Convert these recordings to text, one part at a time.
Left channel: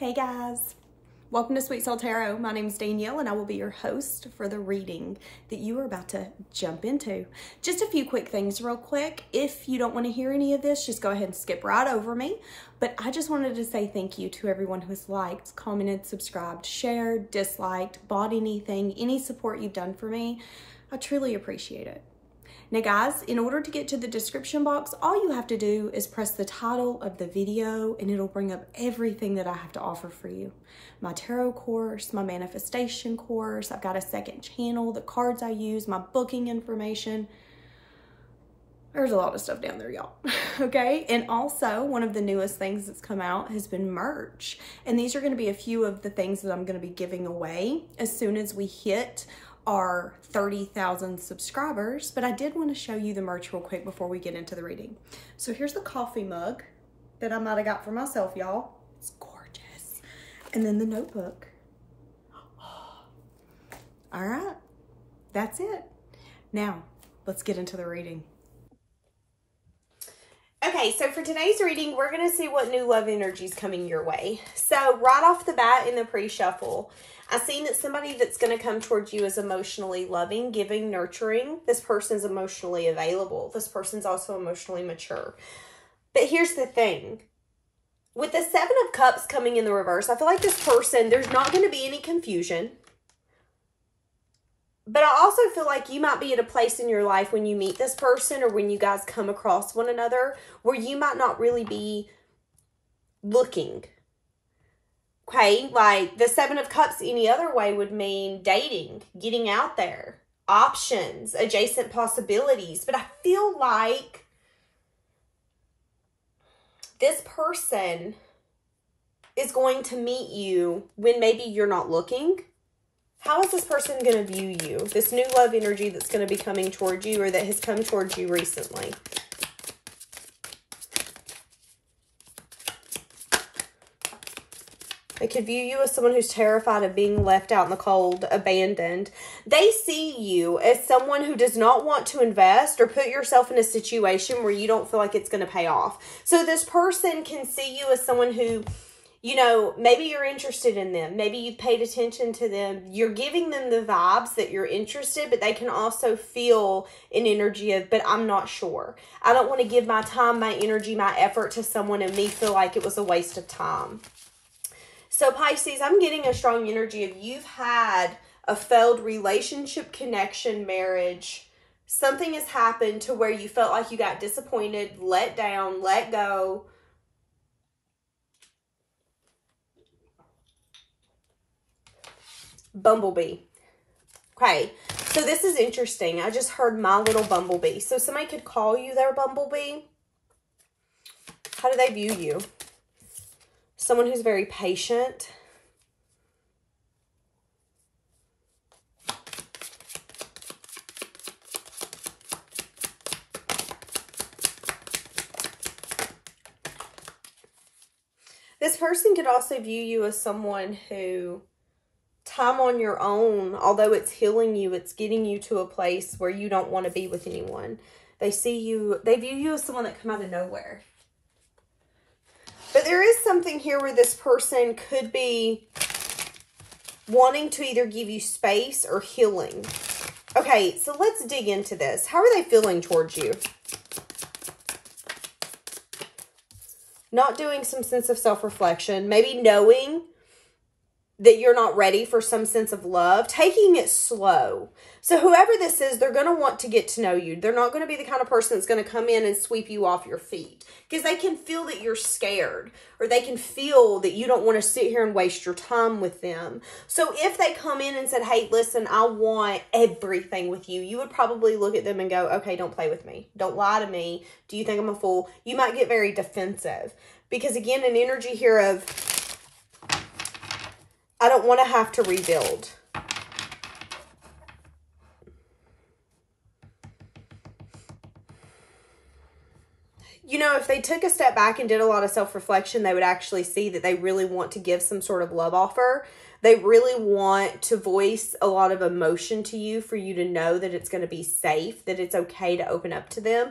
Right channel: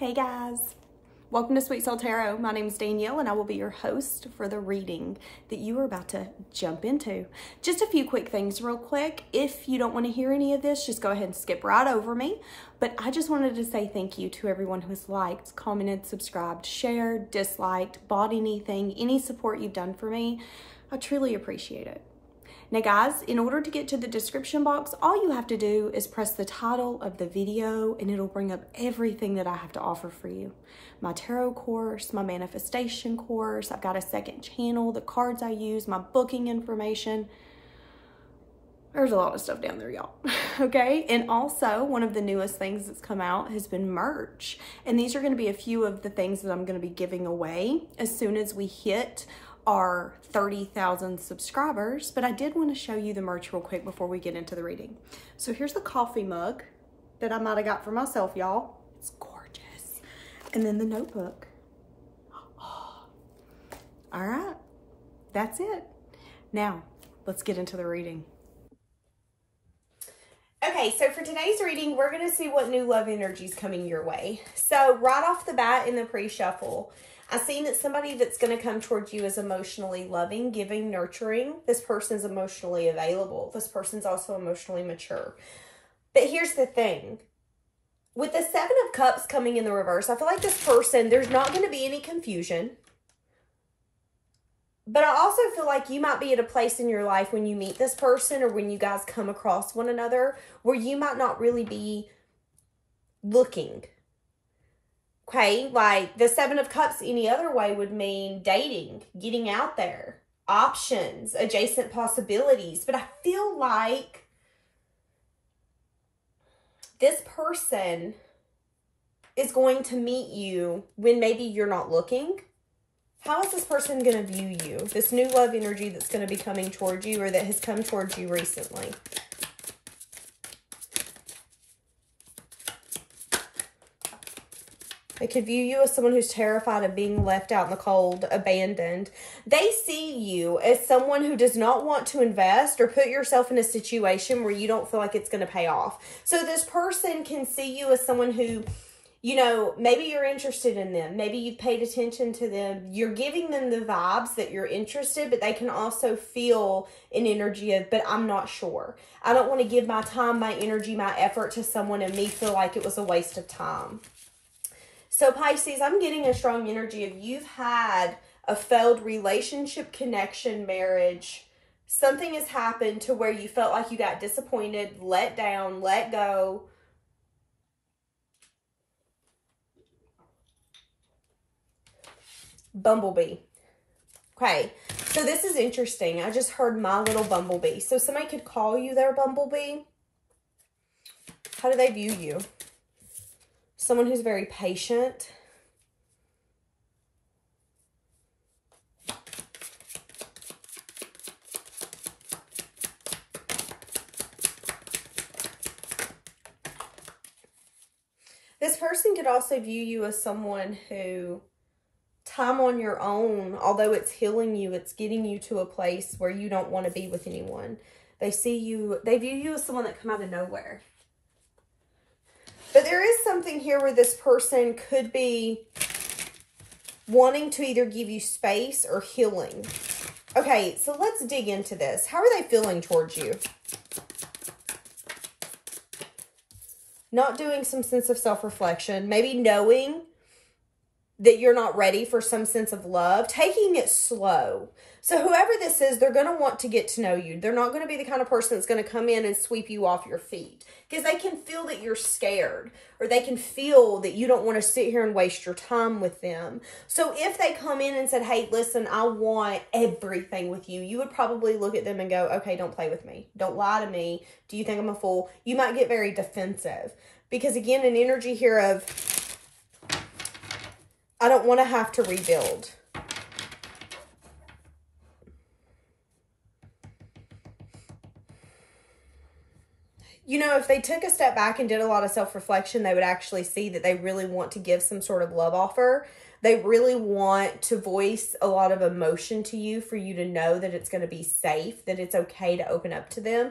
Hey guys, welcome to Sweet Soul Tarot. My name is Danielle and I will be your host for the reading that you are about to jump into. Just a few quick things real quick. If you don't want to hear any of this, just go ahead and skip right over me. But I just wanted to say thank you to everyone who has liked, commented, subscribed, shared, disliked, bought anything, any support you've done for me. I truly appreciate it. Now guys, in order to get to the description box, all you have to do is press the title of the video and it'll bring up everything that I have to offer for you. My tarot course, my manifestation course, I've got a second channel, the cards I use, my booking information. There's a lot of stuff down there, y'all. Okay, and also one of the newest things that's come out has been merch. And these are gonna be a few of the things that I'm gonna be giving away as soon as we hit our 30,000 subscribers, but I did want to show you the merch real quick before we get into the reading. So here's the coffee mug that I might have got for myself, y'all. It's gorgeous. And then the notebook. Oh. All right, that's it. Now, let's get into the reading. Okay, so for today's reading, we're going to see what new love energy is coming your way. So right off the bat in the pre-shuffle, I've seen that somebody that's going to come towards you is emotionally loving, giving, nurturing. This person's emotionally available. This person's also emotionally mature. But here's the thing. With the Seven of Cups coming in the reverse, I feel like this person, there's not going to be any confusion. But I also feel like you might be at a place in your life when you meet this person or when you guys come across one another where you might not really be looking. Okay, like the Seven of Cups any other way would mean dating, getting out there, options, adjacent possibilities. But I feel like this person is going to meet you when maybe you're not looking. How is this person going to view you? This new love energy that's going to be coming towards you or that has come towards you recently. They could view you as someone who's terrified of being left out in the cold, abandoned. They see you as someone who does not want to invest or put yourself in a situation where you don't feel like it's going to pay off. So this person can see you as someone who, you know, maybe you're interested in them. Maybe you've paid attention to them. You're giving them the vibes that you're interested, but they can also feel an energy of, but I'm not sure. I don't want to give my time, my energy, my effort to someone and me feel like it was a waste of time. So Pisces, I'm getting a strong energy of you've had a failed relationship, connection, marriage. Something has happened to where you felt like you got disappointed, let down, let go. Bumblebee. Okay, so this is interesting. I just heard my little bumblebee. So somebody could call you their bumblebee. How do they view you? Someone who's very patient. This person could also view you as someone who, time on your own, although it's healing you, it's getting you to a place where you don't want to be with anyone. They see you, they view you as someone that come out of nowhere. But there is something here where this person could be wanting to either give you space or healing. Okay, so let's dig into this. How are they feeling towards you? Not doing some sense of self-reflection. Maybe knowing that you're not ready for some sense of love. Taking it slow. So whoever this is, they're going to want to get to know you. They're not going to be the kind of person that's going to come in and sweep you off your feet. Because they can feel that you're scared. Or they can feel that you don't want to sit here and waste your time with them. So if they come in and said, hey, listen, I want everything with you. You would probably look at them and go, okay, don't play with me. Don't lie to me. Do you think I'm a fool? You might get very defensive. Because again, an energy here of, I don't want to have to rebuild. You know, if they took a step back and did a lot of self-reflection, they would actually see that they really want to give some sort of love offer. They really want to voice a lot of emotion to you for you to know that it's going to be safe, that it's okay to open up to them.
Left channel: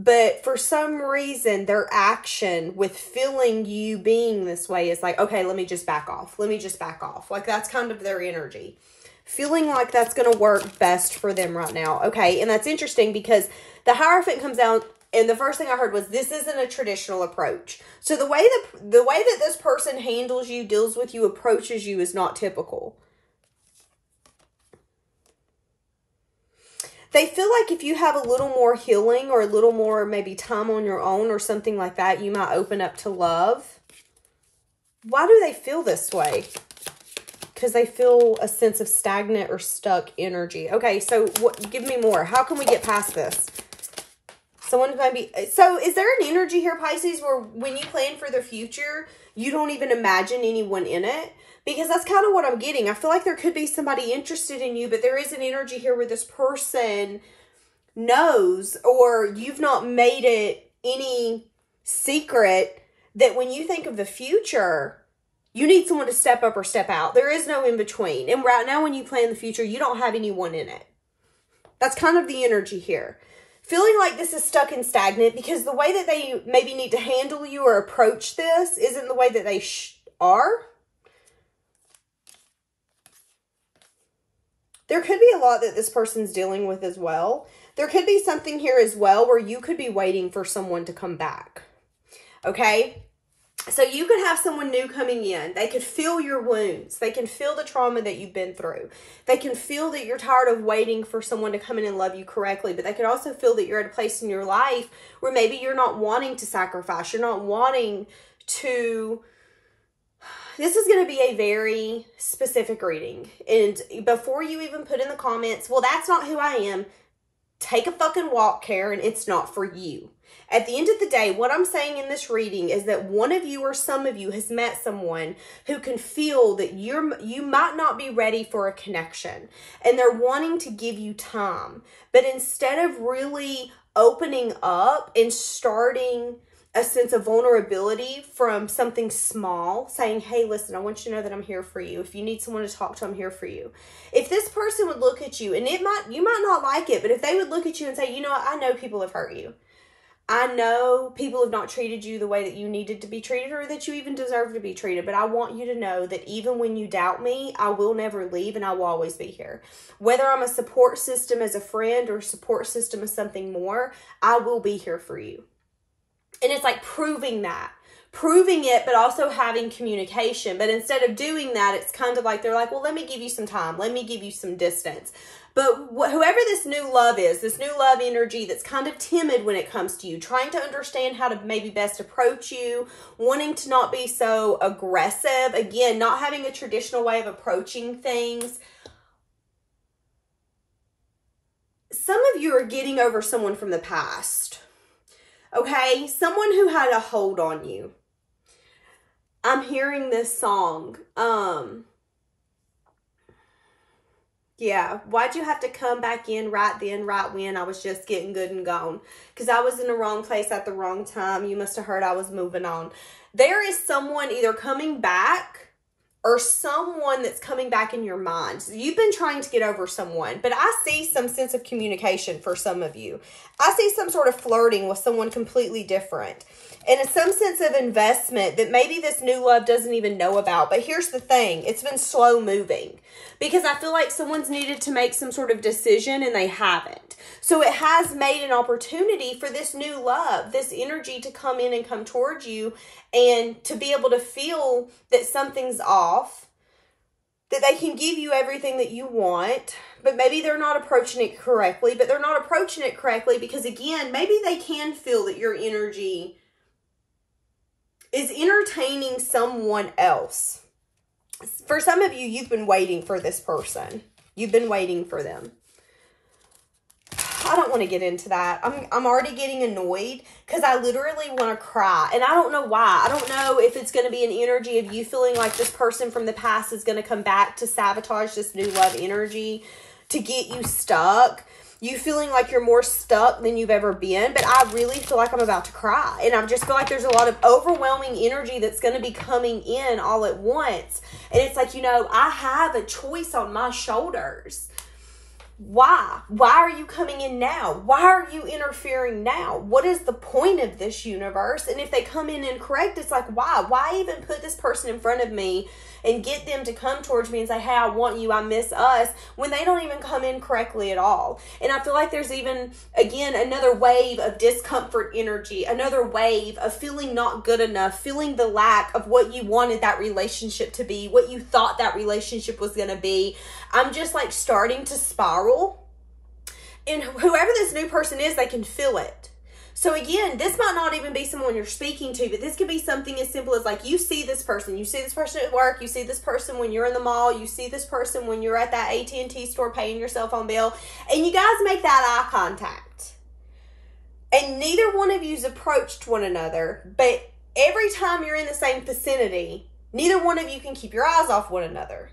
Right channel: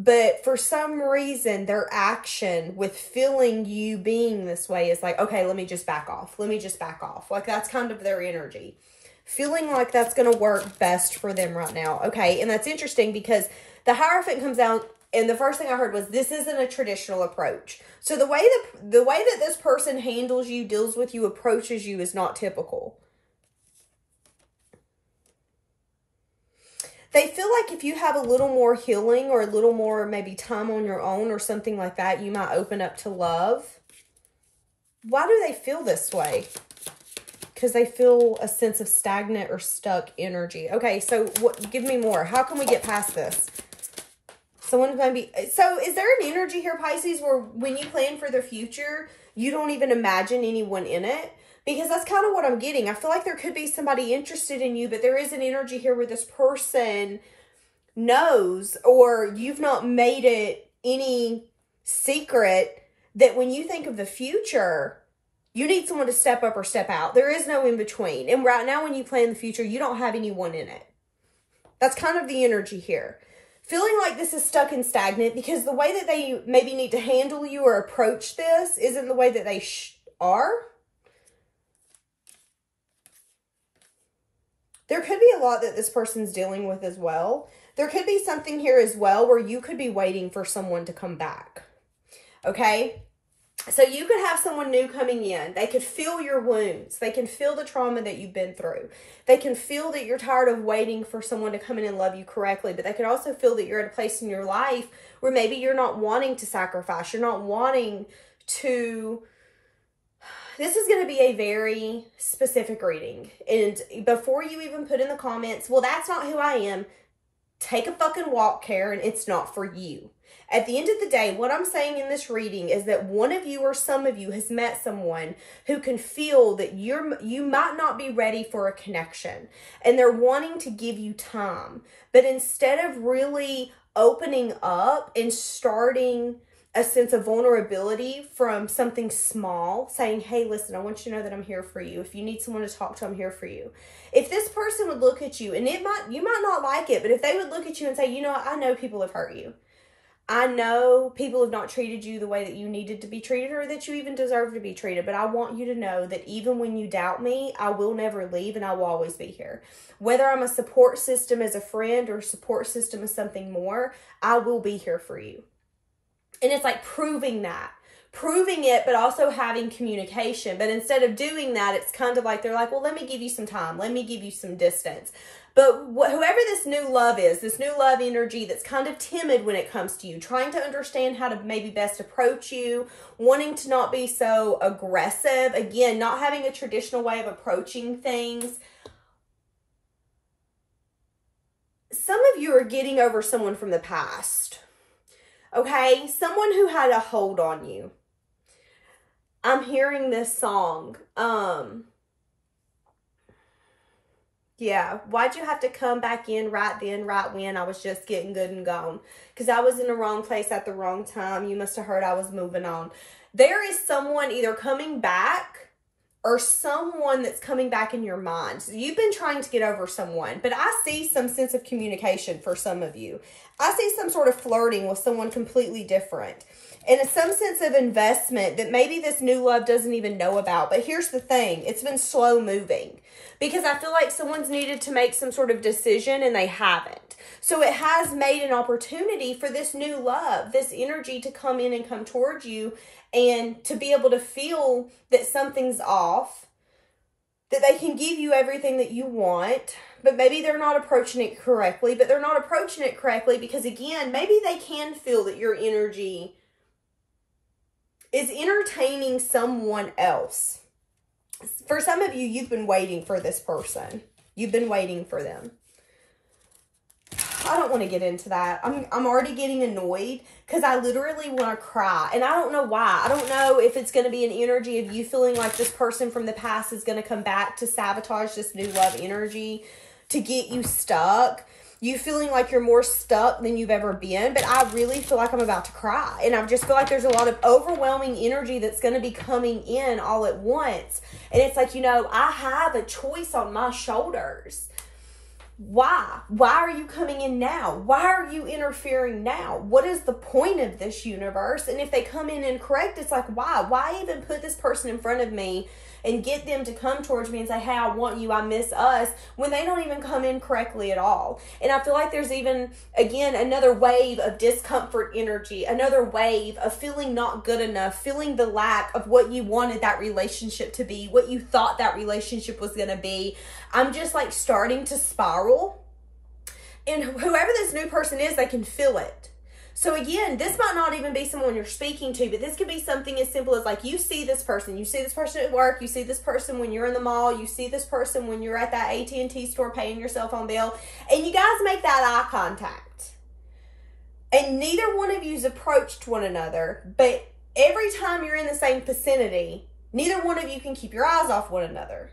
But for some reason, their action with feeling you being this way is like, okay, let me just back off. Let me just back off. Like, that's kind of their energy. Feeling like that's going to work best for them right now. Okay, and that's interesting because the Hierophant comes out, and the first thing I heard was, this isn't a traditional approach. So the way that this person handles you, deals with you, approaches you is not typical. They feel like if you have a little more healing or a little more maybe time on your own or something like that, you might open up to love. Why do they feel this way? Because they feel a sense of stagnant or stuck energy. Okay, so give me more. How can we get past this? Someone maybe... So is there an energy here, Pisces, where when you plan for the future, you don't even imagine anyone in it? Because that's kind of what I'm getting. I feel like there could be somebody interested in you, but there is an energy here where this person knows, or you've not made it any secret, that when you think of the future, you need someone to step up or step out. There is no in between. And right now when you plan the future, you don't have anyone in it. That's kind of the energy here. Feeling like this is stuck and stagnant because the way that they maybe need to handle you or approach this isn't the way that they are. There could be a lot that this person's dealing with as well. There could be something here as well where you could be waiting for someone to come back. Okay? So you could have someone new coming in. They could feel your wounds. They can feel the trauma that you've been through. They can feel that you're tired of waiting for someone to come in and love you correctly. But they could also feel that you're at a place in your life where maybe you're not wanting to sacrifice. You're not wanting to... This is going to be a very specific reading. And before you even put in the comments, well, that's not who I am, take a fucking walk, Karen. It's not for you. At the end of the day, what I'm saying in this reading is that one of you or some of you has met someone who can feel that you might not be ready for a connection. And they're wanting to give you time. But instead of really opening up and starting a sense of vulnerability from something small, saying, hey, listen, I want you to know that I'm here for you. If you need someone to talk to, I'm here for you. If this person would look at you, and you might not like it, but if they would look at you and say, you know what, I know people have hurt you. I know people have not treated you the way that you needed to be treated or that you even deserve to be treated. But I want you to know that even when you doubt me, I will never leave and I will always be here. Whether I'm a support system as a friend or a support system as something more, I will be here for you. And it's like proving it, but also having communication. But instead of doing that, it's kind of like they're like, well, let me give you some time. Let me give you some distance. But whoever this new love is, this new love energy that's kind of timid when it comes to you, trying to understand how to maybe best approach you, wanting to not be so aggressive, again, not having a traditional way of approaching things. Some of you are getting over someone from the past. Okay, someone who had a hold on you. I'm hearing this song. Yeah, why'd you have to come back in right then, right when I was just getting good and gone? Because I was in the wrong place at the wrong time. You must have heard I was moving on. There is someone either coming back or someone that's coming back in your mind. So you've been trying to get over someone, but I see some sense of communication for some of you. I see some sort of flirting with someone completely different. And it's some sense of investment that maybe this new love doesn't even know about. But here's the thing. It's been slow moving. Because I feel like someone's needed to make some sort of decision and they haven't. So it has made an opportunity for this new love, this energy to come in and come towards you and to be able to feel that something's off, that they can give you everything that you want, but maybe they're not approaching it correctly. But they're not approaching it correctly because, again, maybe they can feel that your energy is entertaining someone else. For some of you, you've been waiting for this person. You've been waiting for them. I don't want to get into that. I'm already getting annoyed because I literally want to cry. And I don't know why. I don't know if it's going to be an energy of you feeling like this person from the past is going to come back to sabotage this new love energy, to get you stuck. You feeling like you're more stuck than you've ever been. But I really feel like I'm about to cry. And I just feel like there's a lot of overwhelming energy that's going to be coming in all at once. And it's like, you know, I have a choice on my shoulders. Why? Why are you coming in now? Why are you interfering now? What is the point of this, universe? And if they come in incorrect, it's like, why? Why even put this person in front of me and get them to come towards me and say, hey, I want you, I miss us, when they don't even come in correctly at all? And I feel like there's even, again, another wave of discomfort energy, another wave of feeling not good enough, feeling the lack of what you wanted that relationship to be, what you thought that relationship was going to be. I'm just like starting to spiral. And whoever this new person is, they can feel it. So again, this might not even be someone you're speaking to, but this could be something as simple as like, you see this person at work, you see this person when you're in the mall, you see this person when you're at that AT&T store paying your cell phone bill, and you guys make that eye contact. And neither one of you's approached one another, but every time you're in the same vicinity, neither one of you can keep your eyes off one another.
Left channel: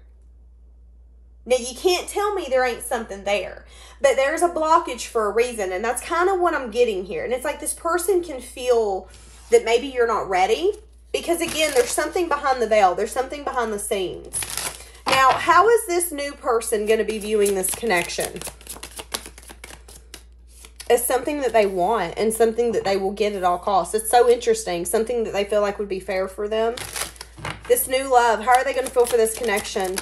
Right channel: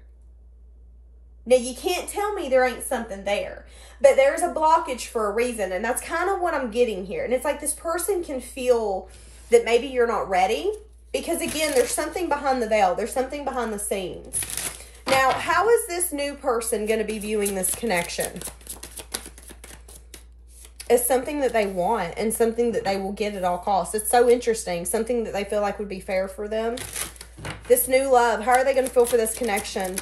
Now, you can't tell me there ain't something there, but there's a blockage for a reason, and that's kind of what I'm getting here. And it's like this person can feel that maybe you're not ready because, again, there's something behind the veil. There's something behind the scenes. Now, how is this new person going to be viewing this connection? As something that they want and something that they will get at all costs. It's so interesting. Something that they feel like would be fair for them. This new love, how are they going to feel for this connection?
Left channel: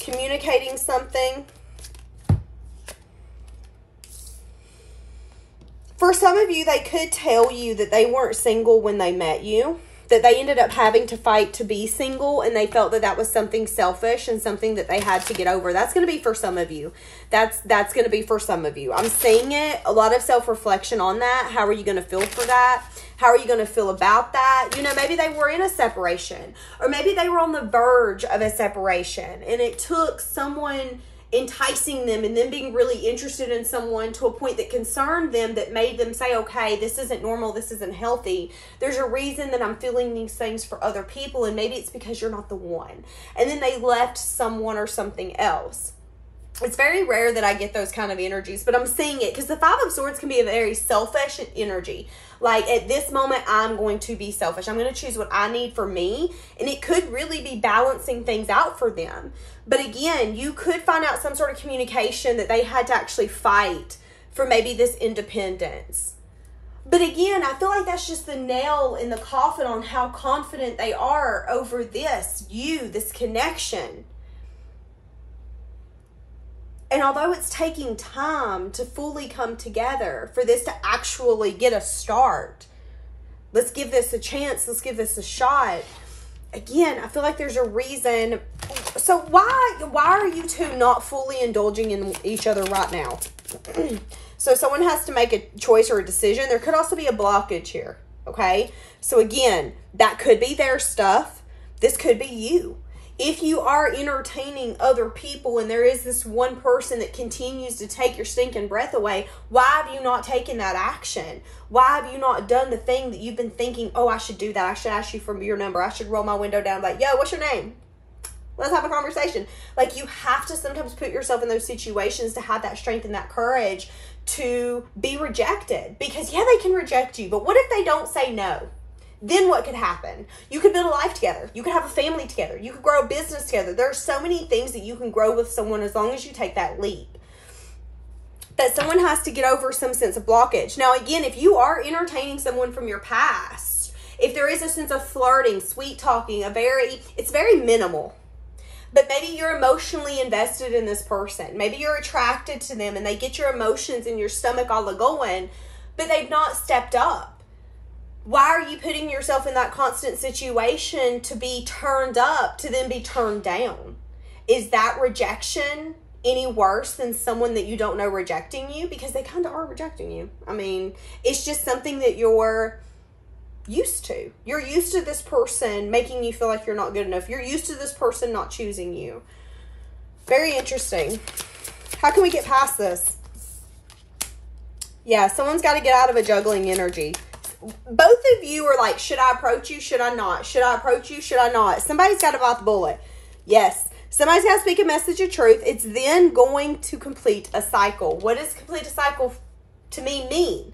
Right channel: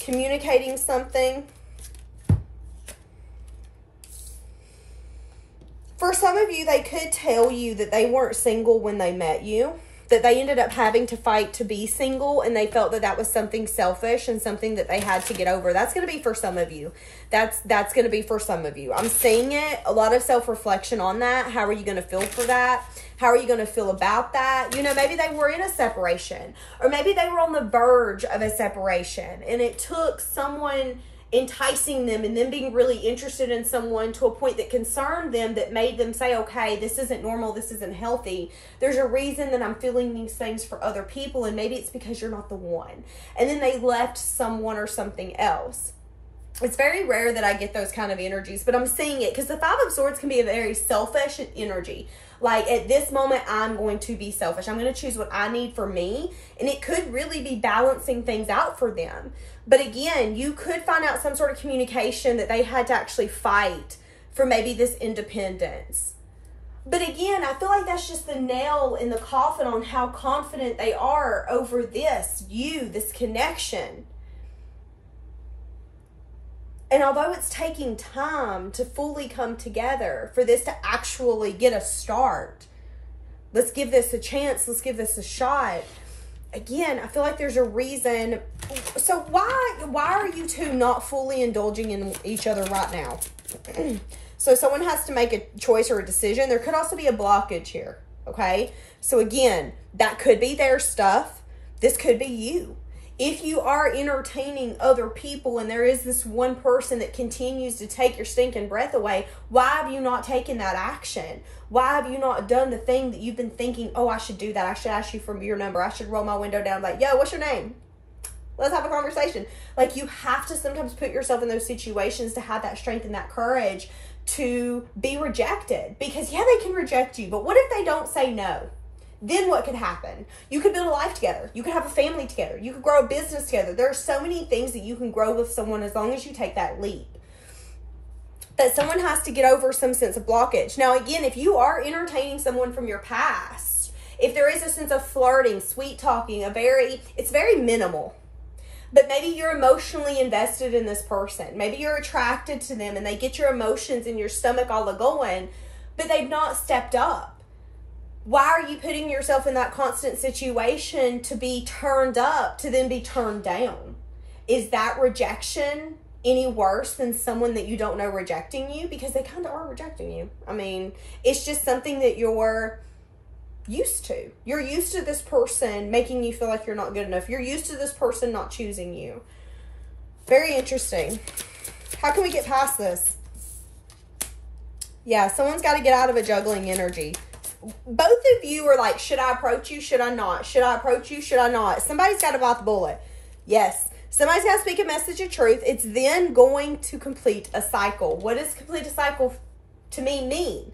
Communicating something. For some of you, they could tell you that they weren't single when they met you, that they ended up having to fight to be single, and they felt that that was something selfish and something that they had to get over. That's going to be for some of you. That's going to be for some of you. I'm seeing it. A lot of self-reflection on that. How are you going to feel for that? How are you going to feel about that? You know, maybe they were in a separation, or maybe they were on the verge of a separation, and it took someone enticing them and them being really interested in someone to a point that concerned them, that made them say, okay, this isn't normal, this isn't healthy. There's a reason that I'm feeling these things for other people, and maybe it's because you're not the one. And then they left someone or something else. It's very rare that I get those kind of energies, but I'm seeing it because the Five of Swords can be a very selfish energy. Like, at this moment, I'm going to be selfish. I'm going to choose what I need for me, and it could really be balancing things out for them. But again, you could find out some sort of communication that they had to actually fight for maybe this independence. But again, I feel like that's just the nail in the coffin on how confident they are over this connection. And although it's taking time to fully come together, for this to actually get a start, let's give this a chance, let's give this a shot. Again, I feel like there's a reason. So why are you two not fully indulging in each other right now? So someone has to make a choice or a decision. There could also be a blockage here, okay? So again, that could be their stuff. This could be you. If you are entertaining other people and there is this one person that continues to take your stinking breath away, why have you not taken that action? Why have you not done the thing that you've been thinking, oh, I should do that. I should ask you for your number. I should roll my window down like, yo, what's your name? Let's have a conversation. Like, you have to sometimes put yourself in those situations to have that strength and that courage to be rejected. Because, yeah, they can reject you, but what if they don't say no? Then what could happen? You could build a life together. You could have a family together. You could grow a business together. There are so many things that you can grow with someone as long as you take that leap. But someone has to get over some sense of blockage. Now, again, if you are entertaining someone from your past, if there is a sense of flirting, sweet talking, it's very minimal. But maybe you're emotionally invested in this person. Maybe you're attracted to them and they get your emotions in your stomach all a-going, but they've not stepped up. Why are you putting yourself in that constant situation to be turned up, to then be turned down? Is that rejection any worse than someone that you don't know rejecting you? Because they kind of are rejecting you. I mean, it's just something that you're used to. You're used to this person making you feel like you're not good enough. You're used to this person not choosing you. Very interesting. How can we get past this? Yeah, someone's got to get out of a juggling energy. Both of you are like, should I approach you? Should I not? Should I approach you? Should I not? Somebody's got to bite the bullet. Yes. Somebody's got to speak a message of truth. It's then going to complete a cycle. What does complete a cycle to me mean?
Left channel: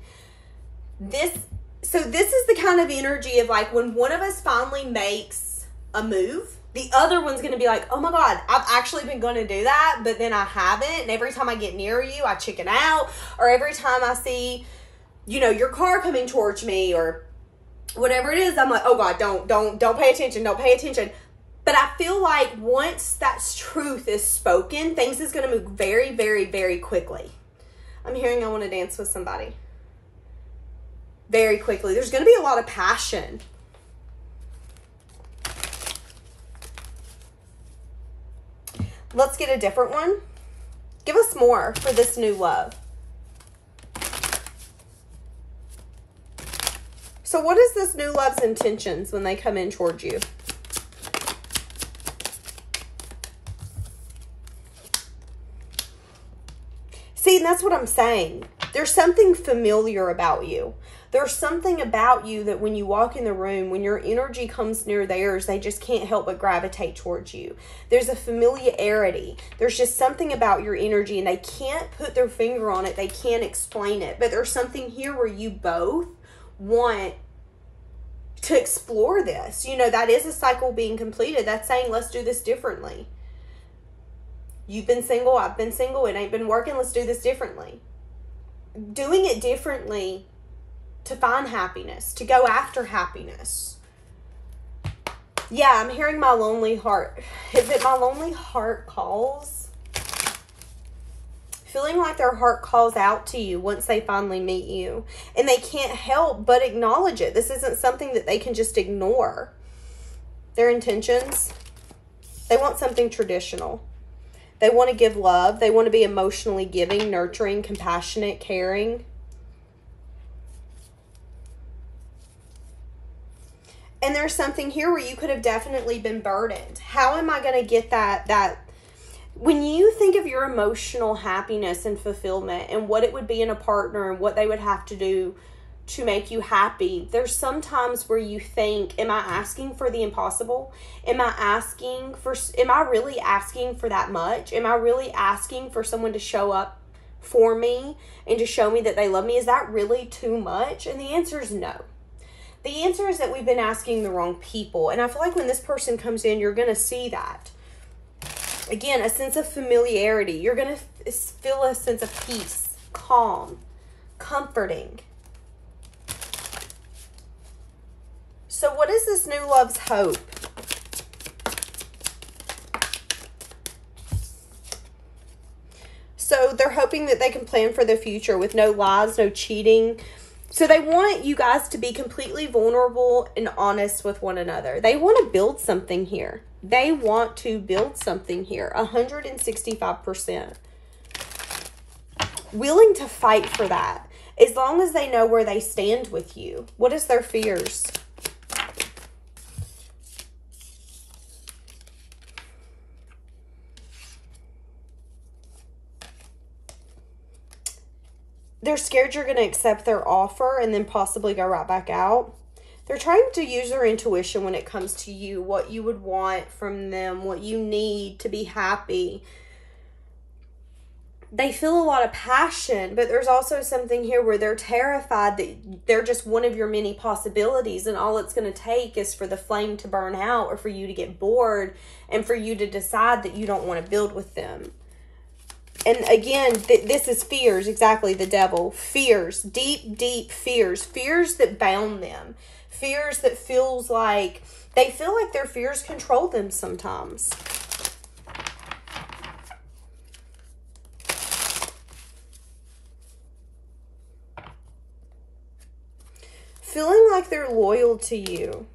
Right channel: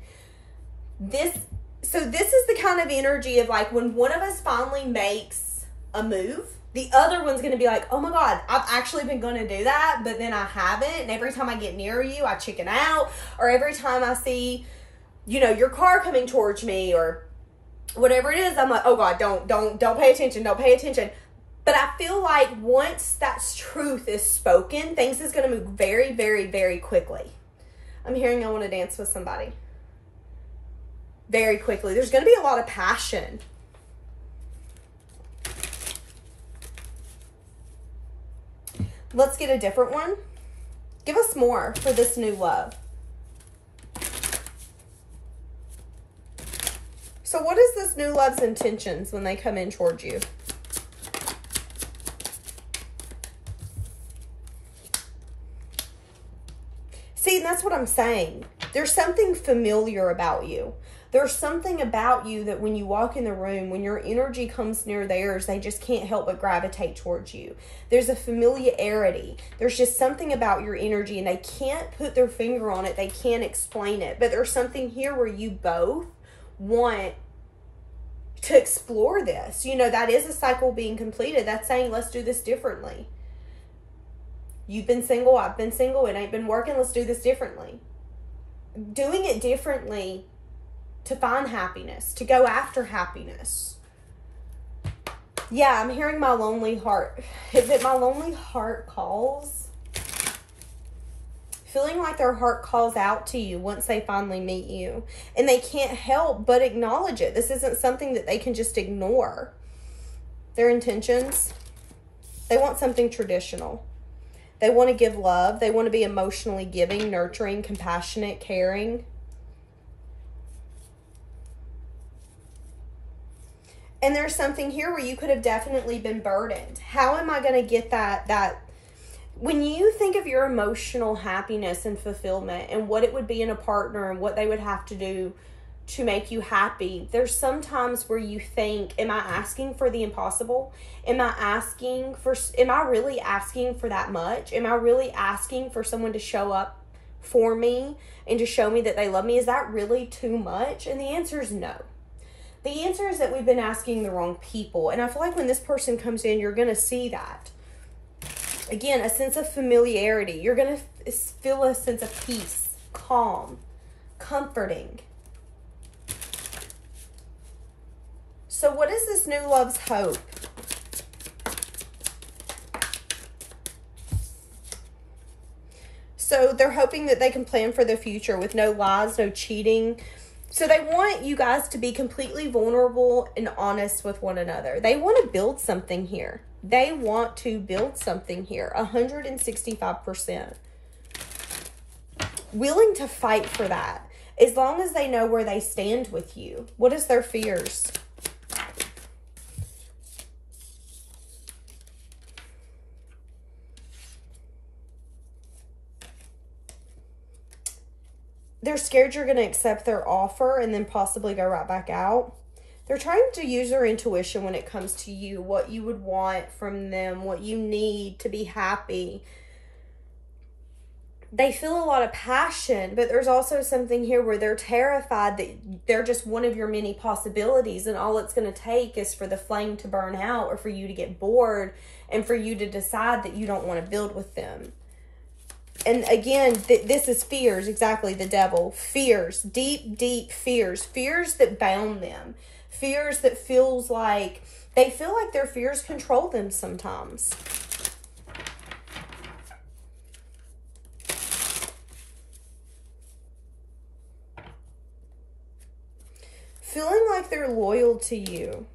So this is the kind of energy of like when one of us finally makes a move, The other one's going to be like, oh my God, I've actually been going to do that, but then I haven't. And every time I get near you, I chicken out. Or every time I see, you know, your car coming towards me or whatever it is, I'm like, oh God, don't pay attention. Don't pay attention. But I feel like once that truth is spoken, things is going to move very, very, very quickly. I'm hearing I want to dance with somebody. Very quickly. There's going to be a lot of passion. Let's get a different one. Give us more for this new love. So what is this new love's intentions when they come in towards you? See, that's what I'm saying. There's something familiar about you. There's something about you that when you walk in the room, when your energy comes near theirs, they just can't help but gravitate towards you. There's a familiarity. There's just something about your energy, and they can't put their finger on it. They can't explain it. But there's something here where you both want to explore this. You know, that is a cycle being completed. That's saying, let's do this differently. You've been single. I've been single. It ain't been working. Let's do this differently. Doing it differently to find happiness, to go after happiness. Yeah, I'm hearing my lonely heart. Is it my lonely heart calls? Feeling like their heart calls out to you once they finally meet you. And they can't help but acknowledge it. This isn't something that they can just ignore. Their intentions. They want something traditional. They want to give love. They want to be emotionally giving, nurturing, compassionate, caring. And there's something here where you could have definitely been burdened. How am I going to get that? When you think of your emotional happiness and fulfillment and what it would be in a partner and what they would have to do to make you happy, there's sometimes where you think, am I asking for the impossible? Am I really asking for that much? Am I really asking for someone to show up for me and to show me that they love me? Is that really too much? And the answer is no. The answer is that we've been asking the wrong people. And I feel like when this person comes in, you're going to see that. Again, a sense of familiarity. You're going to feel a sense of peace, calm, comforting. So what is this new love's hope? So they're hoping that they can plan for the future with no lies, no cheating. So they want you guys to be completely vulnerable and honest with one another. They want to build something here. They want to build something here. 165%. Willing to fight for that. As long as they know where they stand with you. What is their fears? They're scared you're going to accept their offer and then possibly go right back out. They're trying to use their intuition when it comes to you, what you would want from them, what you need to be happy. They feel a lot of passion, but there's also something here where they're terrified that they're just one of your many possibilities, and all it's going to take is for the flame to burn out or for you to get bored and for you to decide that you don't want to build with them. And again, this is fears, exactly, the devil. Fears, deep, deep fears. Fears that bound them. Fears that feels like, they feel like their fears control them sometimes. Feeling like they're loyal to you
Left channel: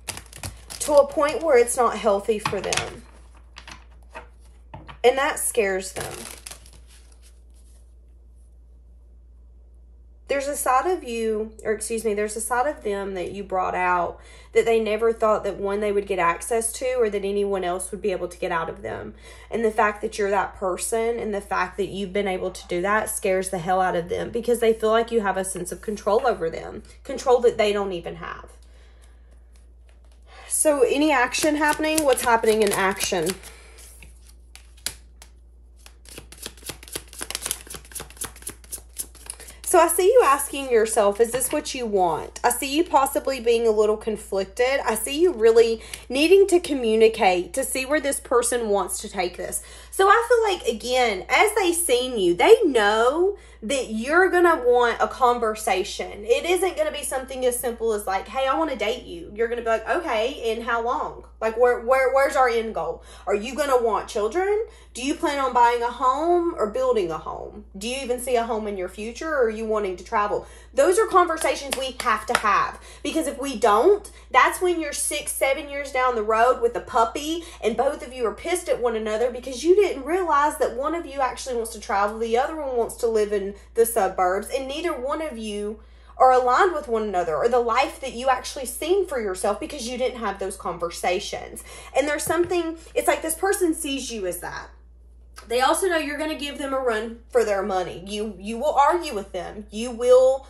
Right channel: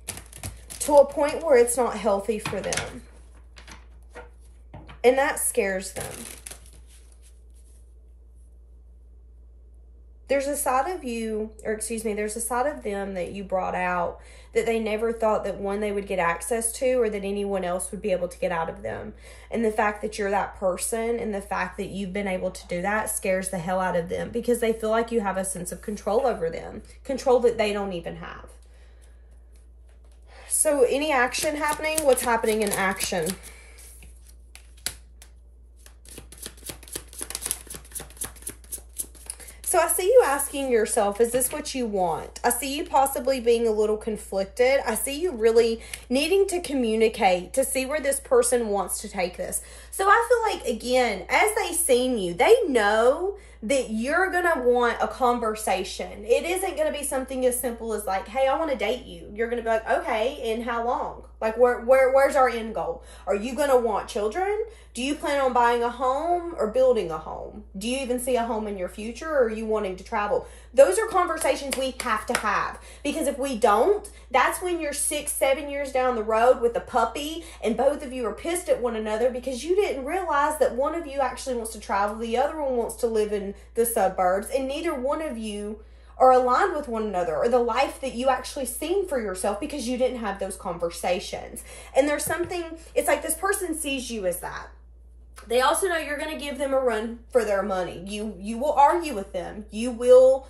to a point where it's not healthy for them. And that scares them. There's a side of you, or excuse me, there's a side of them that you brought out that they never thought that one, they would get access to, or that anyone else would be able to get out of them. And the fact that you're that person and the fact that you've been able to do that scares the hell out of them because they feel like you have a sense of control over them. Control that they don't even have. So any action happening? What's happening in action? So I see you asking yourself, is this what you want? I see you possibly being a little conflicted. I see you really needing to communicate to see where this person wants to take this. So I feel like, again, as they've seen you, they know that you're going to want a conversation. It isn't going to be something as simple as like, hey, I want to date you. You're going to be like, okay, and how long? Like, where's our end goal? Are you going to want children? Do you plan on buying a home or building a home? Do you even see a home in your future, or are you wanting to travel? Those are conversations we have to have, because if we don't, that's when you're 6-7 years down the road with a puppy and both of you are pissed at one another because you didn't realize that one of you actually wants to travel, the other one wants to live in the suburbs, and neither one of you are aligned with one another or the life that you actually seen for yourself because you didn't have those conversations. And there's something, it's like this person sees you as that. They also know you're going to give them a run for their money. You will argue with them. You will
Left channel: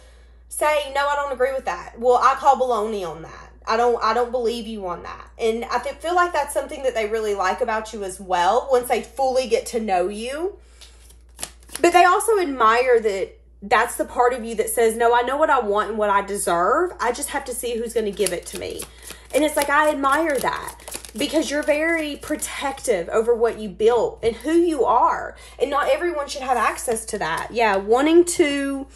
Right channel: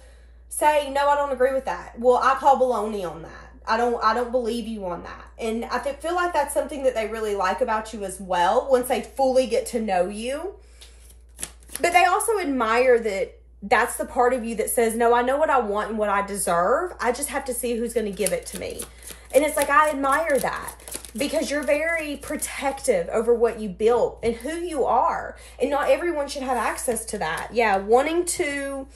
say, no, I don't agree with that. Well, I call baloney on that. I don't believe you on that. And I feel like that's something that they really like about you as well once they fully get to know you. But they also admire that that's the part of you that says, no, I know what I want and what I deserve. I just have to see who's going to give it to me. And it's like, I admire that because you're very protective over what you built and who you are. And not everyone should have access to that. Yeah, wanting to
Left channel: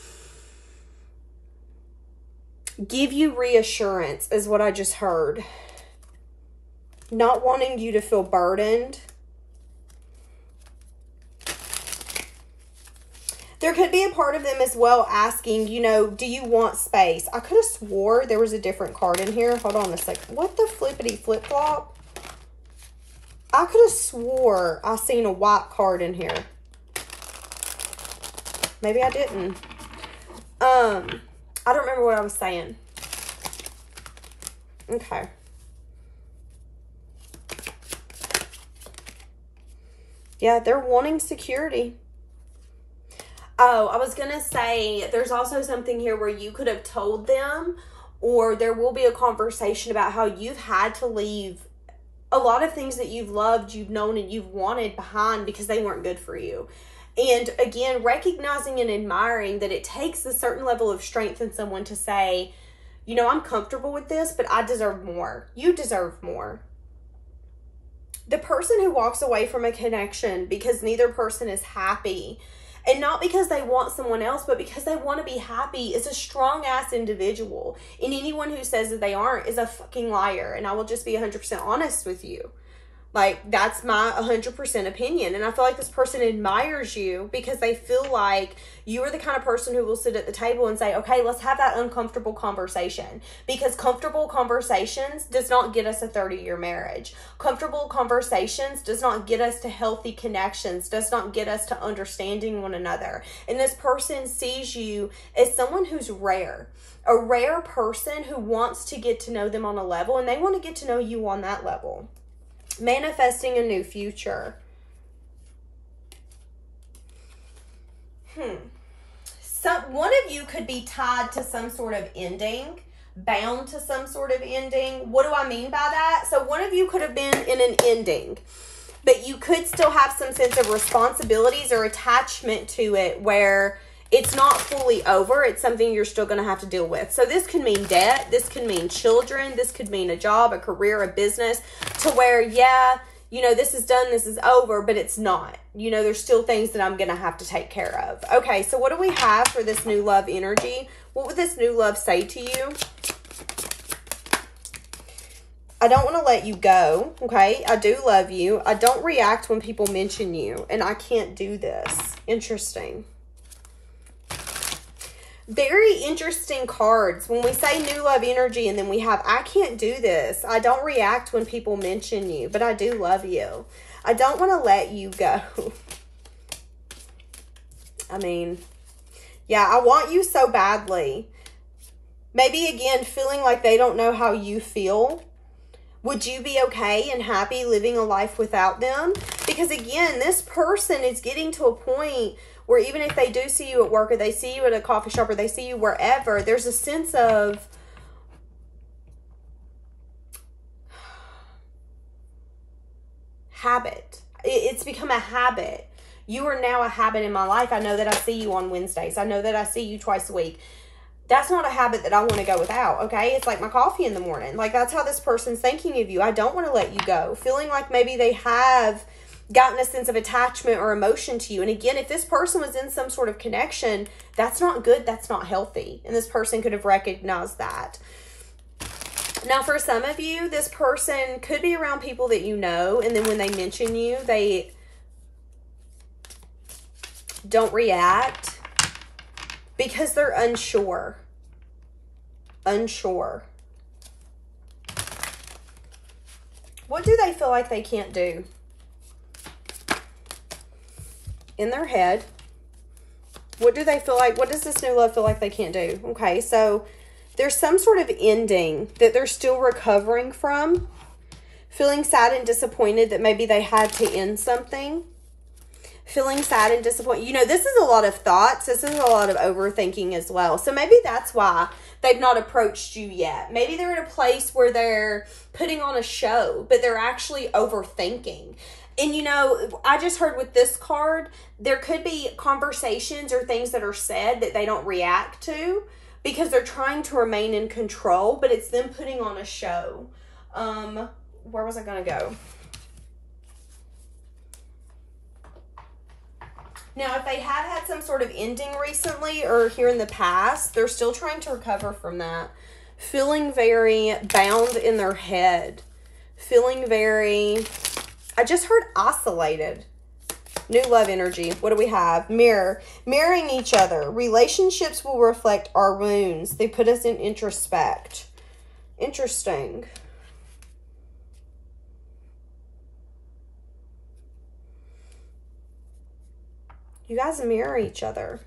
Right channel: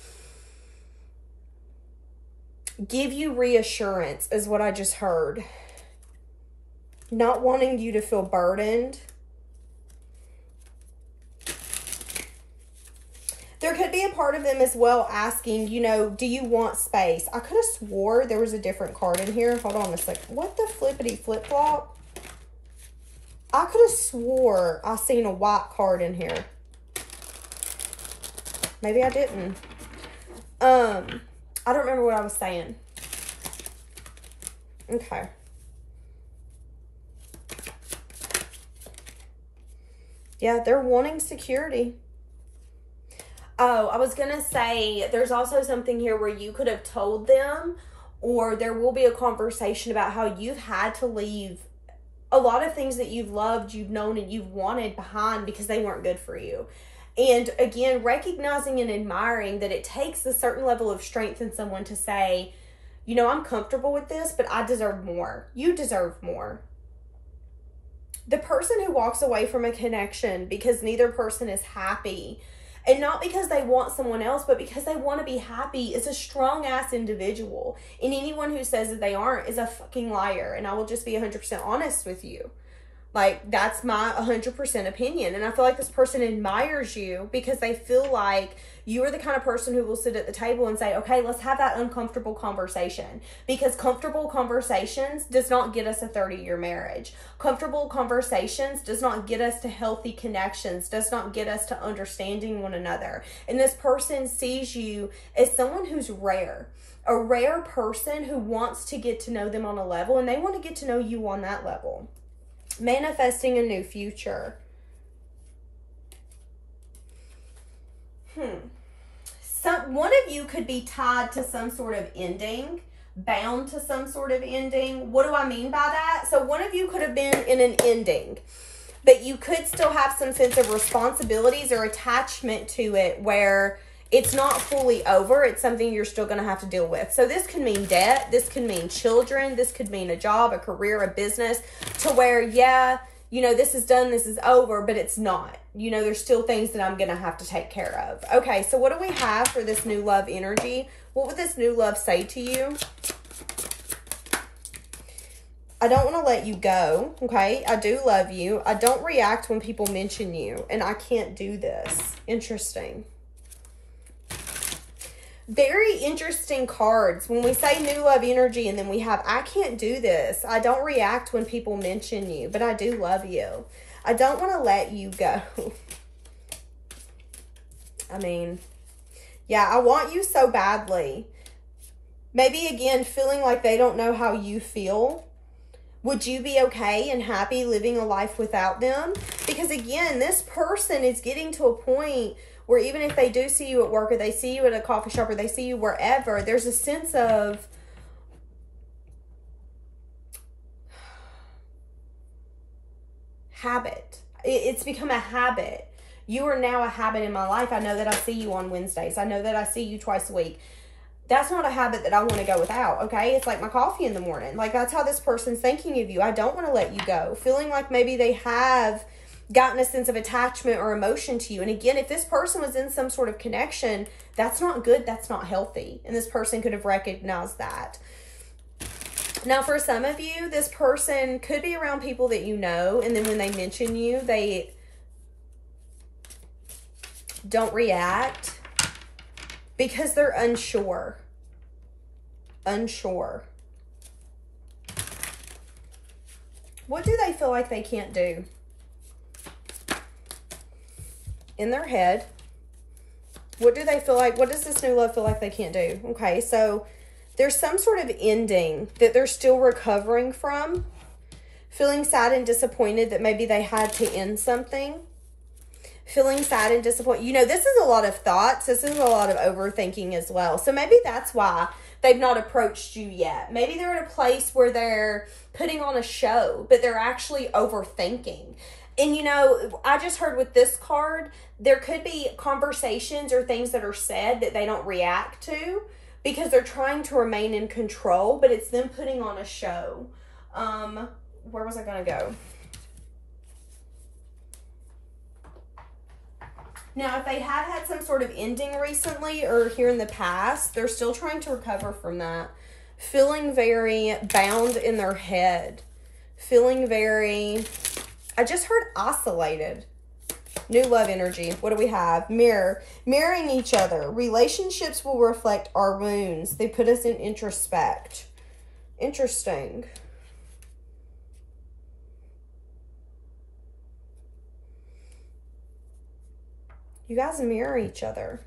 give you reassurance is what I just heard. Not wanting you to feel burdened. There could be a part of them as well asking, you know, do you want space? I could have swore there was a different card in here. Hold on a second. What the flippity flip-flop? I could have swore I seen a white card in here. Maybe I didn't. I don't remember what I was saying. Okay. Yeah, they're wanting security. Oh, I was going to say, there's also something here where you could have told them, or there will be a conversation about how you've had to leave a lot of things that you've loved, you've known, and you've wanted behind because they weren't good for you. And again, recognizing and admiring that it takes a certain level of strength in someone to say, you know, I'm comfortable with this, but I deserve more. You deserve more. The person who walks away from a connection because neither person is happy, and not because they want someone else, but because they want to be happy, is a strong-ass individual. And anyone who says that they aren't is a fucking liar. And I will just be 100% honest with you. Like, that's my 100% opinion. And I feel like this person admires you because they feel like you are the kind of person who will sit at the table and say, okay, let's have that uncomfortable conversation. Because comfortable conversations does not get us a 30-year marriage. Comfortable conversations does not get us to healthy connections, does not get us to understanding one another. And this person sees you as someone who's rare. A rare person who wants to get to know them on a level, and they want to get to know you on that level. Manifesting a new future. One of you could be tied to some sort of ending, bound to some sort of ending. What do I mean by that? So one of you could have been in an ending, but you could still have some sense of responsibilities or attachment to it where it's not fully over. It's something you're still going to have to deal with. So this could mean debt. This could mean children. This could mean a job, a career, a business, to where, yeah, you know, this is done, this is over, but it's not. You know, there's still things that I'm going to have to take care of. Okay, so what do we have for this new love energy? What would this new love say to you? I don't want to let you go, okay? I do love you. I don't react when people mention you, and I can't do this. Interesting. Very interesting cards. When we say new love energy and then we have, I can't do this. I don't react when people mention you, but I do love you. I don't want to let you go. I mean, yeah, I want you so badly. Maybe again, feeling like they don't know how you feel. Would you be okay and happy living a life without them? Because again, this person is getting to a point where even if they do see you at work, or they see you at a coffee shop, or they see you wherever, there's a sense of habit. It's become a habit. You are now a habit in my life. I know that I see you on Wednesdays. I know that I see you twice a week. That's not a habit that I want to go without, okay? It's like my coffee in the morning. Like, that's how this person's thinking of you. I don't want to let you go. Feeling like maybe they have gotten a sense of attachment or emotion to you. And again, if this person was in some sort of connection, that's not good. That's not healthy. And this person could have recognized that. Now, for some of you, this person could be around people that you know. And then when they mention you, they don't react. Because they're unsure. Unsure. What do they feel like they can't do? In their head. What do they feel like? What does this new love feel like they can't do? Okay, so there's some sort of ending that they're still recovering from. Feeling sad and disappointed that maybe they had to end something. Feeling sad and disappointed. You know, this is a lot of thoughts. This is a lot of overthinking as well. So maybe that's why they've not approached you yet. Maybe they're at a place where they're putting on a show, but they're actually overthinking. And, you know, I just heard with this card, there could be conversations or things that are said that they don't react to because they're trying to remain in control, but it's them putting on a show. Where was I going to go? Now, if they have had some sort of ending recently or here in the past, they're still trying to recover from that. Feeling very bound in their head. Feeling very, I just heard oscillated. New love energy. What do we have? Mirror. Mirroring each other. Relationships will reflect our wounds. They put us in introspect. Interesting. You guys mirror each other.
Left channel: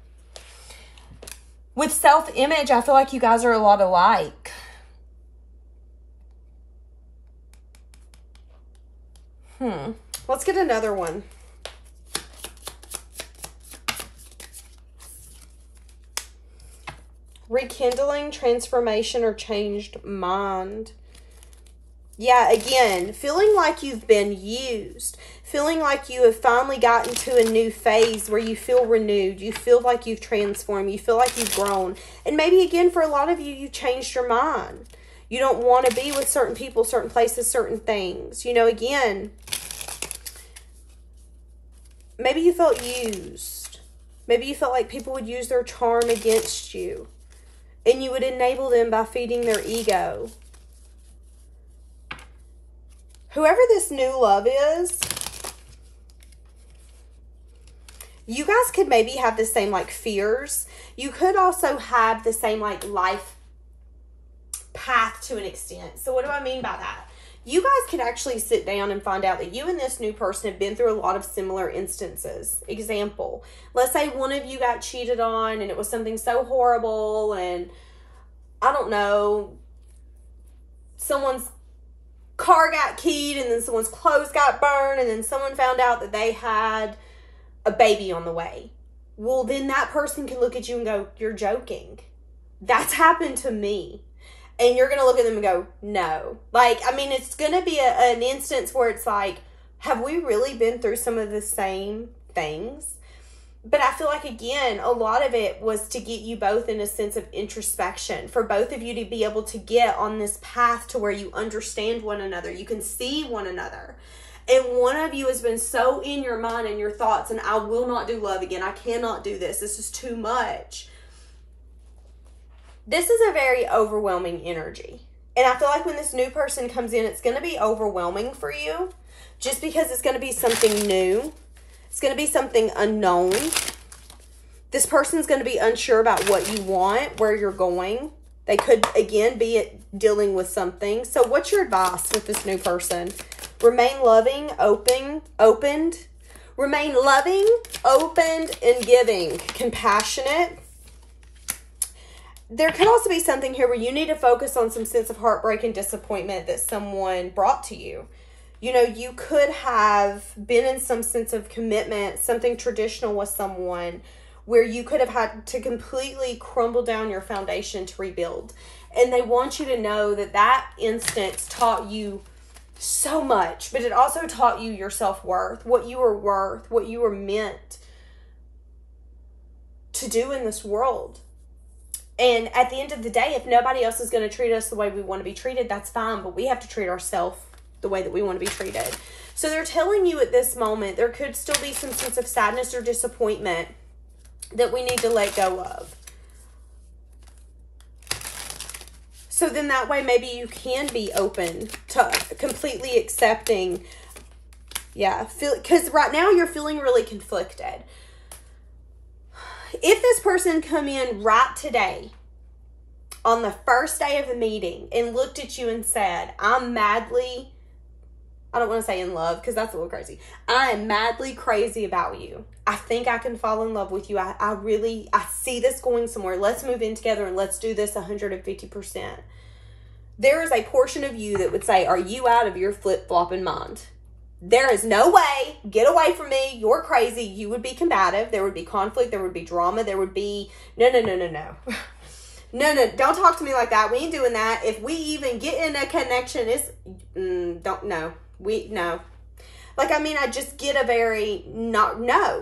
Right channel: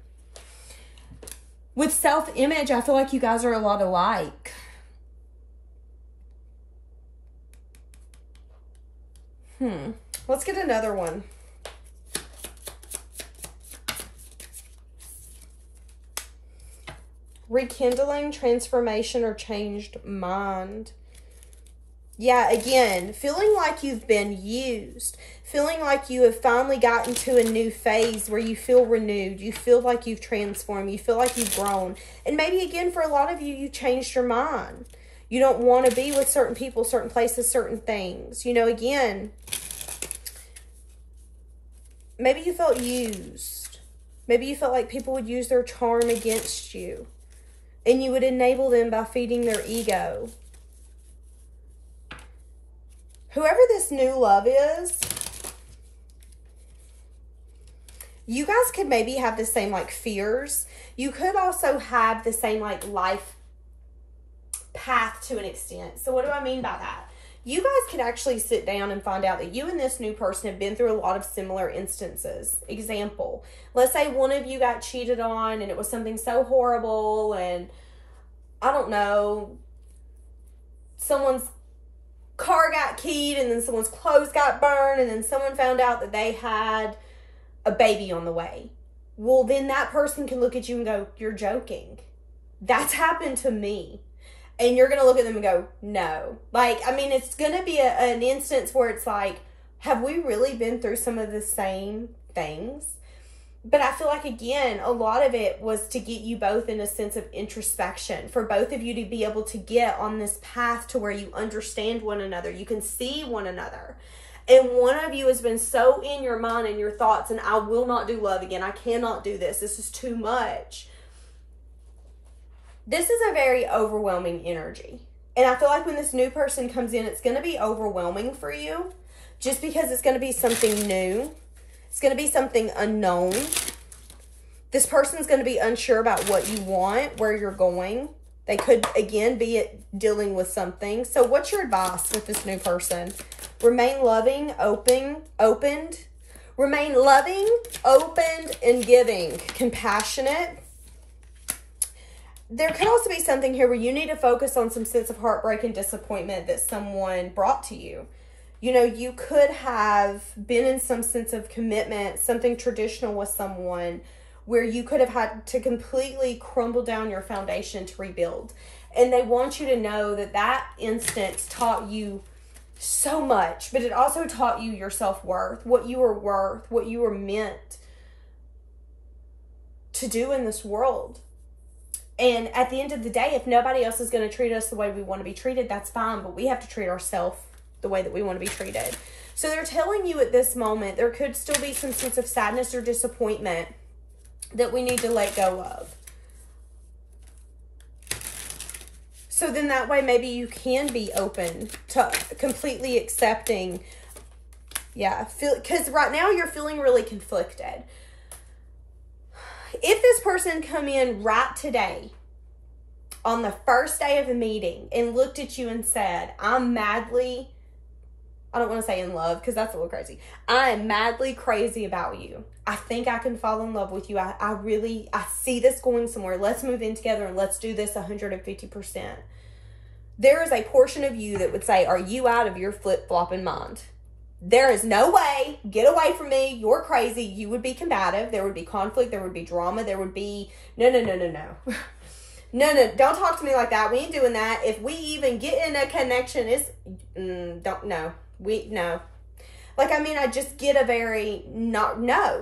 With self-image, I feel like you guys are a lot alike. Let's get another one. Rekindling, transformation, or changed mind. Yeah, again, feeling like you've been used. Feeling like you have finally gotten to a new phase where you feel renewed. You feel like you've transformed. You feel like you've grown. And maybe, again, for a lot of you, you changed your mind. You don't want to be with certain people, certain places, certain things. You know, again, maybe you felt used. Maybe you felt like people would use their charm against you. And you would enable them by feeding their ego. Whoever this new love is, you guys could maybe have the same like fears. You could also have the same like life path to an extent. So what do I mean by that? You guys could actually sit down and find out that you and this new person have been through a lot of similar instances. Example, let's say one of you got cheated on and it was something so horrible and I don't know, someone's car got keyed and then someone's clothes got burned and then someone found out that they had a baby on the way. Well, then that person can look at you and go, you're joking. That's happened to me. And you're going to look at them and go, no. Like, I mean, it's going to be an instance where it's like, have we really been through some of the same things? But I feel like, again, a lot of it was to get you both in a sense of introspection. For both of you to be able to get on this path to where you understand one another. You can see one another. And one of you has been so in your mind and your thoughts, and I will not do love again. I cannot do this. This is too much. This is a very overwhelming energy. And I feel like when this new person comes in, it's going to be overwhelming for you. Just because it's going to be something new. It's going to be something unknown. This person's going to be unsure about what you want, where you're going. They could, again, be dealing with something. So what's your advice with this new person? Remain loving, opened. Remain loving, opened, and giving. Compassionate. There could also be something here where you need to focus on some sense of heartbreak and disappointment that someone brought to you. You know, you could have been in some sense of commitment, something traditional with someone where you could have had to completely crumble down your foundation to rebuild. And they want you to know that that instance taught you so much, but it also taught you your self-worth, what you were worth, what you were meant to do in this world. And at the end of the day, if nobody else is going to treat us the way we want to be treated, that's fine. But we have to treat ourselves the way that we want to be treated. So they're telling you at this moment, there could still be some sense of sadness or disappointment that we need to let go of. So then that way, maybe you can be open to completely accepting. Yeah, because right now you're feeling really conflicted. If this person come in right today on the first day of the meeting and looked at you and said, I'm madly, I don't want to say in love because that's a little crazy. I am madly crazy about you. I think I can fall in love with you. I see this going somewhere. Let's move in together and let's do this 150%. There is a portion of you that would say, are you out of your flip-flopping mind? There is no way. Get away from me. You're crazy. You would be combative. There would be conflict. There would be drama. There would be, no. No, don't talk to me like that. We ain't doing that. If we even get in a connection, it's, no. Like, I mean, I just get a very, no.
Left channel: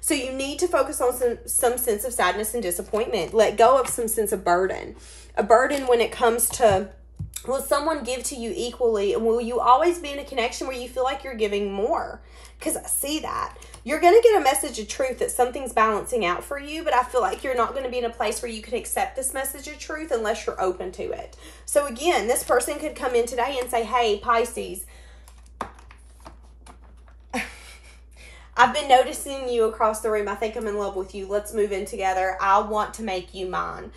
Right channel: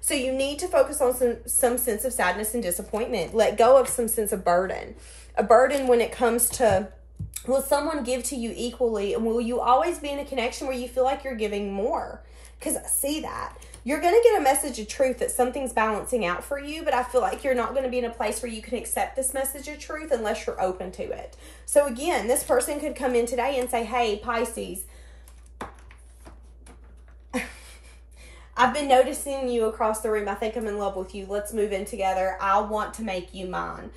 So you need to focus on some sense of sadness and disappointment. Let go of some sense of burden. A burden when it comes to, will someone give to you equally? And will you always be in a connection where you feel like you're giving more? Because I see that. You're going to get a message of truth that something's balancing out for you, but I feel like you're not going to be in a place where you can accept this message of truth unless you're open to it. So again, this person could come in today and say, hey, Pisces, I've been noticing you across the room. I think I'm in love with you. Let's move in together. I want to make you mine.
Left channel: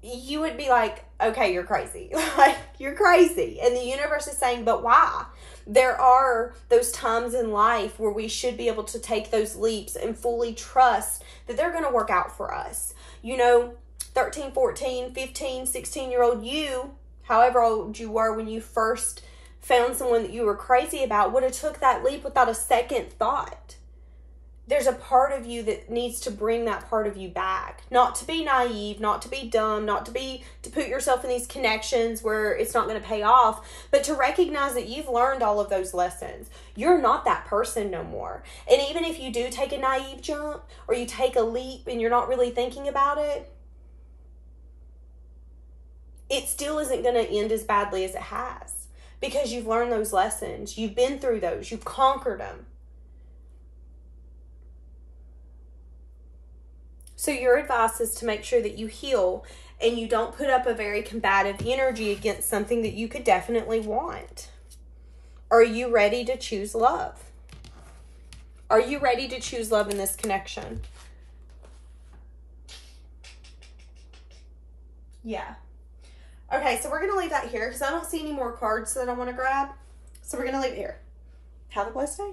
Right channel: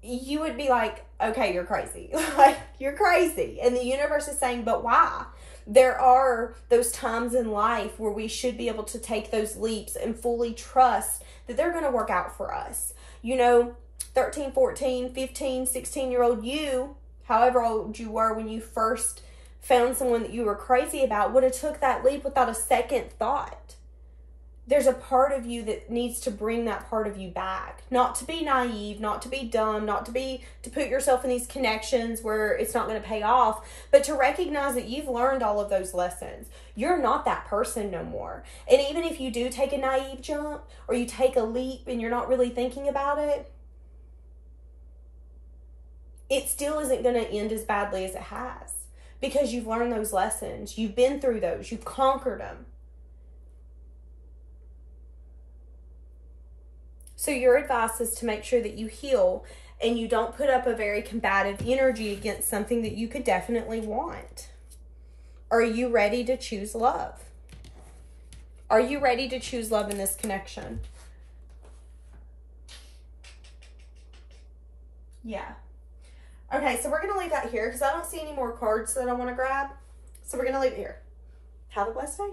You would be like, okay, you're crazy. Like, you're crazy. And the universe is saying, but why? There are those times in life where we should be able to take those leaps and fully trust that they're going to work out for us. You know, 13, 14, 15, 16-year-old you, however old you were when you first found someone that you were crazy about, would have took that leap without a second thought. There's a part of you that needs to bring that part of you back. Not to be naive, not to be dumb, not to put yourself in these connections where it's not going to pay off, but to recognize that you've learned all of those lessons. You're not that person no more. And even if you do take a naive jump or you take a leap and you're not really thinking about it, it still isn't going to end as badly as it has because you've learned those lessons. You've been through those. You've conquered them. So your advice is to make sure that you heal and you don't put up a very combative energy against something that you could definitely want. Are you ready to choose love? Are you ready to choose love in this connection? Yeah. Okay, so we're going to leave that here because I don't see any more cards that I want to grab. So we're going to leave it here. Have a blessed day.